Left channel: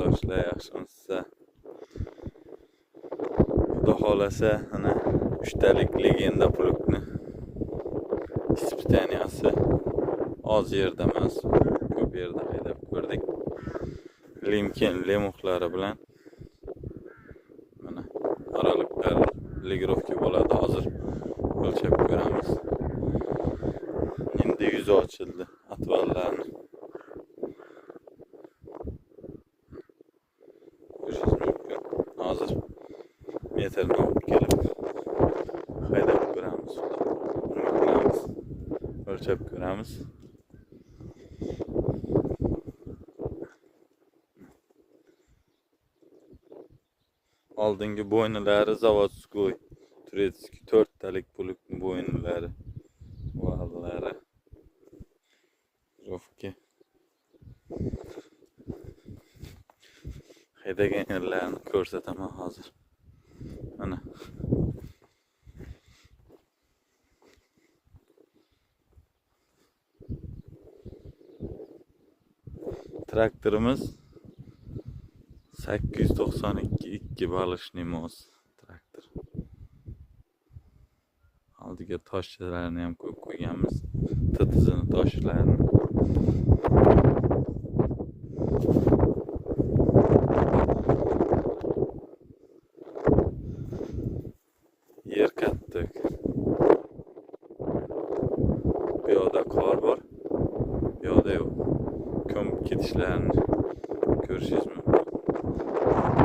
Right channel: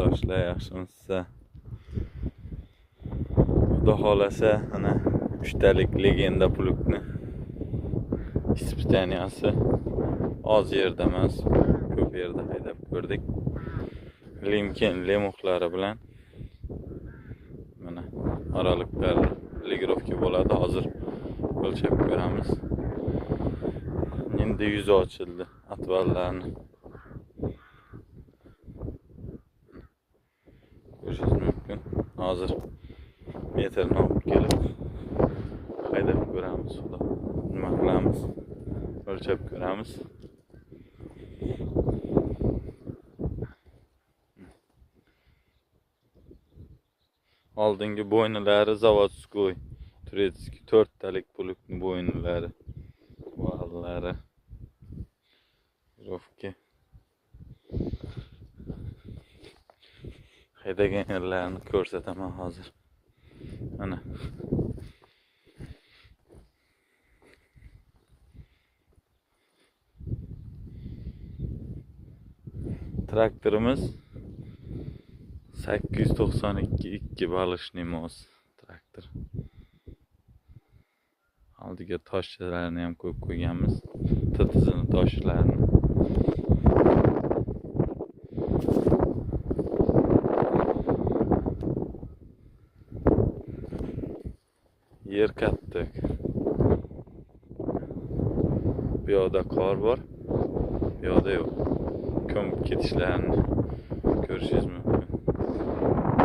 qardoshlar, yaxshimisiz? Xudo xolasa, ana 3 talik legenda plugni ispitaniyasi oz yerda emas, ko'p yerda haydab ko'rdik. Limkin lemuxlari bilan mana aralıklar legirovka bo'ladi. Hozir o'lchab ko'ramiz. Endi yuzi ochildi atvallarni. Ko'rishingiz mumkin. Hozir metrni olib kelib haydab ko'ramiz. Nima qilamiz? O'lchab ko'ramiz. Oldingi bo'ynilari zavodskoy, turetskiy 4 talik plugni bo'ynilari, vallari. Rovka. Haydagan yerlarni ko'rsataman hozir. Mana. Traktorimiz 892 balishli mos traktor. Oldiga toshlarni ham qo'yib qo'yganmiz. Titizini toshlarni. Yer katta. Bu yoqda qor bor. Bu yoqda yo'q. Ko'mib ketishlarini ko'rishingiz mumkin.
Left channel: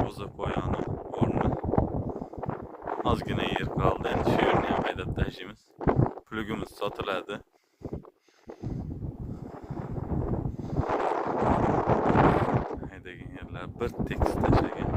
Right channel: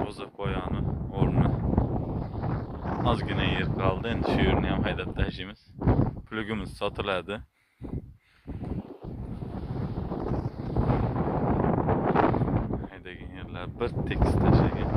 O'zi poyoni o'rni. Ozgina yer qoldi. Endi shu yerni ham haydab tashlaymiz. Plugimiz sotiladi. Haydagan yerlar bir tekis tashlagan.